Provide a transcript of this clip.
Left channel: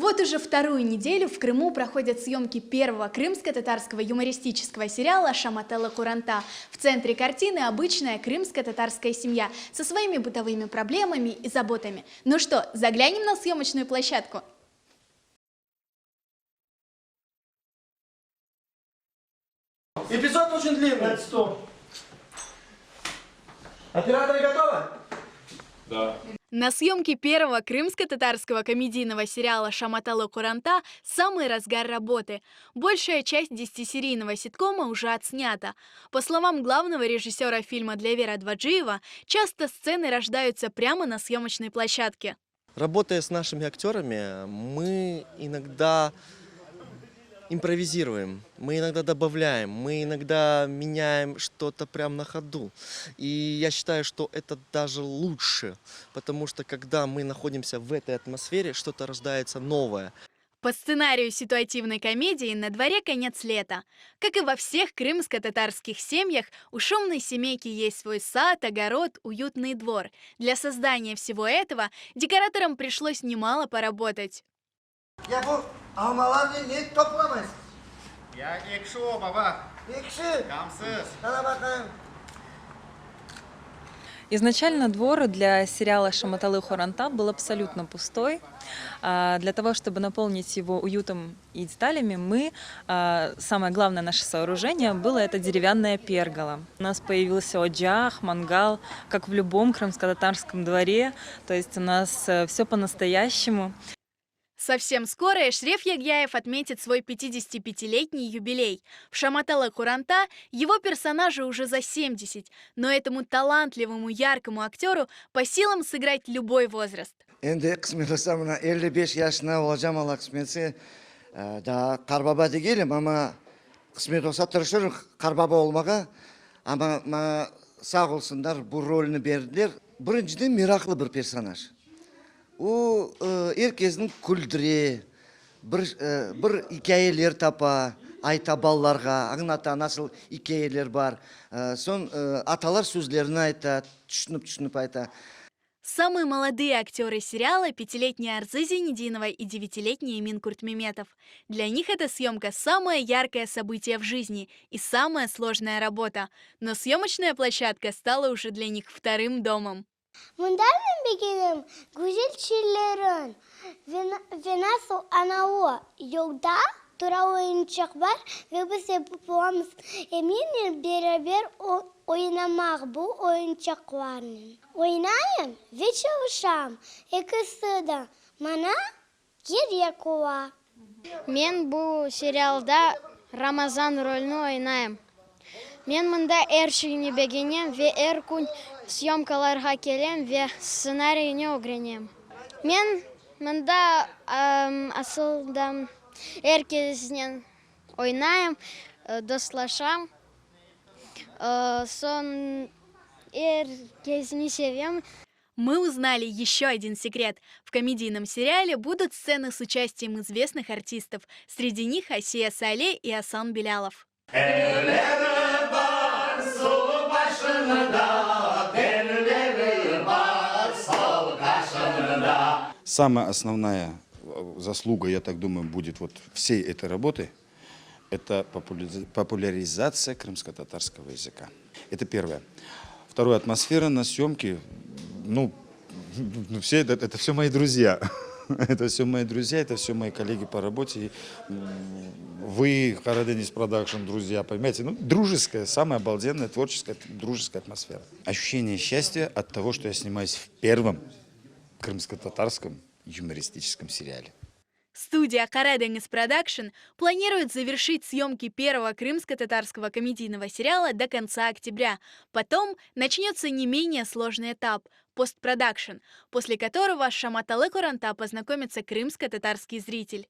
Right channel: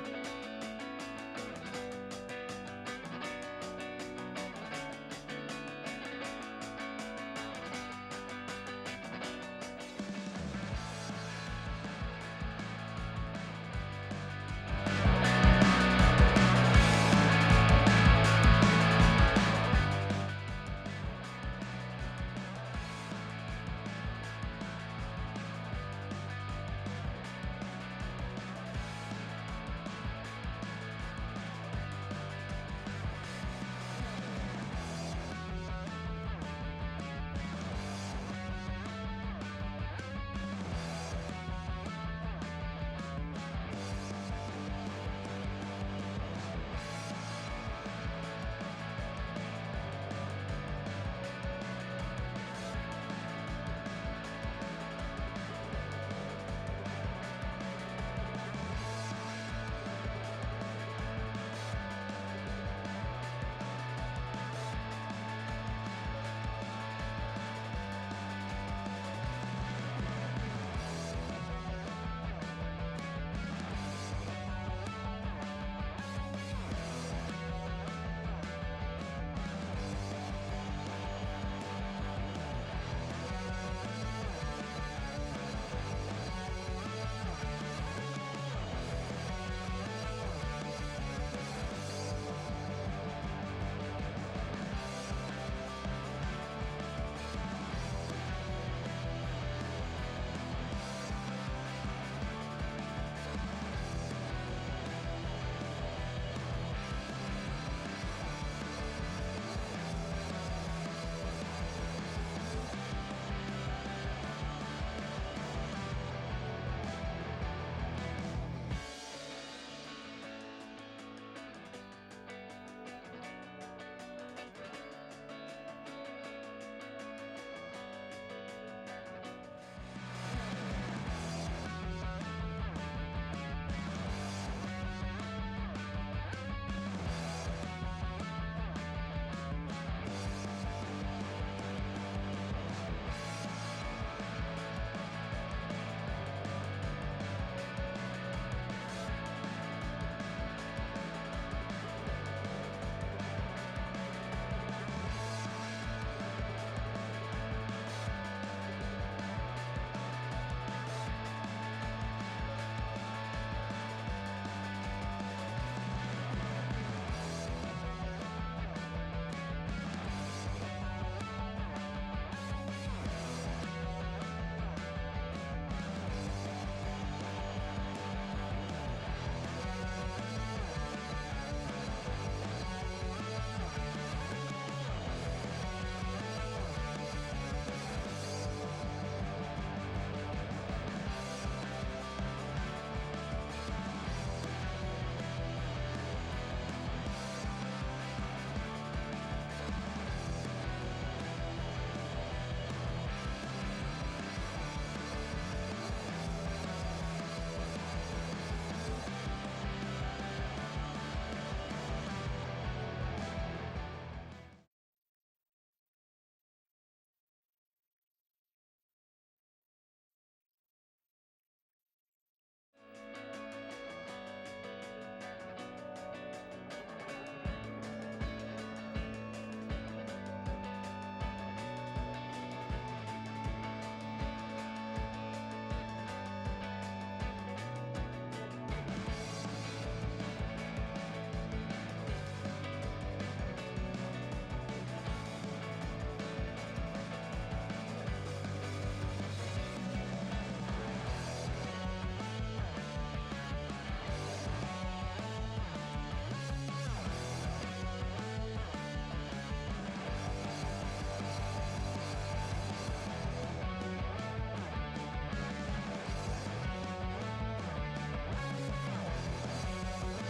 Вот уже вторую неделю в Крыму проходят съемки первого крымско-татарского юмористического сериала «Шаматала Куранта». В центре картины обычная крымско-татарская семья со своими бытовыми проблемами и заботами. Ну что, заглянем на съемочную площадку? Эпизод очень длинный. Это что? Операторы готовы? Да. На съемке первого крымско-татарского комедийного сериала «Шаматала Куранта» самый разгар работы. Большая часть 10-серийного ситкома уже отснята. По словам главного режиссера фильма Длявера Дваджиева, часто сцены рождаются прямо на съемочной площадке. Работая с нашими актерами, мы иногда импровизируем, мы иногда добавляем, мы иногда меняем что-то прямо на ходу. И я считаю, что это даже лучше, потому что когда мы находимся в этой атмосфере, что-то рождается новое. По сценарию ситуативной комедии на дворе конец лета. Как и во всех крымско-татарских семьях, у шумной семейки есть свой сад, огород, уютный двор. Для создания всего этого декораторам пришлось немало поработать. Изначально двор для сериала «Шаматалы Куранта» был абсолютно пустой. Для того, чтобы наполнить его уютом и деталями, самое главное наше сооружение было это деревянная пергола. У нас появился оджах, мангал, как в любом крымско-татарском дворе, то есть у нас все по-настоящему. Совсем скоро Эшреф Ягьяев отметит свой 55-летний юбилей. В «Шаматала Куранта» его персонажу уже за 70, но этому талантливому, яркому актеру по силам сыграть любой возраст. Енді қызмет жасам, 55 yaşına olacağım Allah kısmetse. Daha karbaba değilim ama kısmet olsa tırışırım karbaba olmağa. Ama sağ olsunlar bu rolünü verdiler. Birinciden meraklı bir personaj. O herkesin güldüre, bir hikayeler tapa, ayta ballarga, anlata nasıl hikayeler var. Son atalar sözlerini ayta, düşünüp ayta. Самые молодые актеры сериала – 5-летняя Арзы Зенединова и 9-летний Эмин Куртмеметов. Для них эта съемка – самое яркое событие в жизни и самая сложная работа. Но съемочная площадка стала уже для них вторым домом. Ve çalışam, ikisi de bana gerek var. Мен bu serialda Ramazan rolünü oynayım. Мен мында әршігіне бегенем ve әр күн съемкаларға келем ve сценарийіне öğrenем. Мен мында асылда herkesten oynayım, dostlaşam. Son herkesini seviyorum. Мы узнали еще один секрет. В комедийном сериале будут сцены с участием известных артистов. Среди них Асия Сале и Асан Белялов. Самая основная заслуга, я так думаю, будет вот всей этой работы, это популяризация крымско-татарского языка. Это первое. Второе, атмосфера на съемке. Все это все мои друзья. Это все мои друзья, это все мои коллеги по работе. Вы, Караденис Продакшн, друзья, понимаете? Дружеская, самая обалденная, творческая, дружеская атмосфера. Ощущение счастья от того, что я снимаюсь в первом крымско-татарском юмористическом сериале. Студия Караденис Продакшн планирует завершить съемки первого крымско-татарского комедийного сериала до конца октября. Потом начнется не менее сложный этап – постпродакшн, после которого с «Шаматалы Куранта» познакомится крымско-татарский зритель.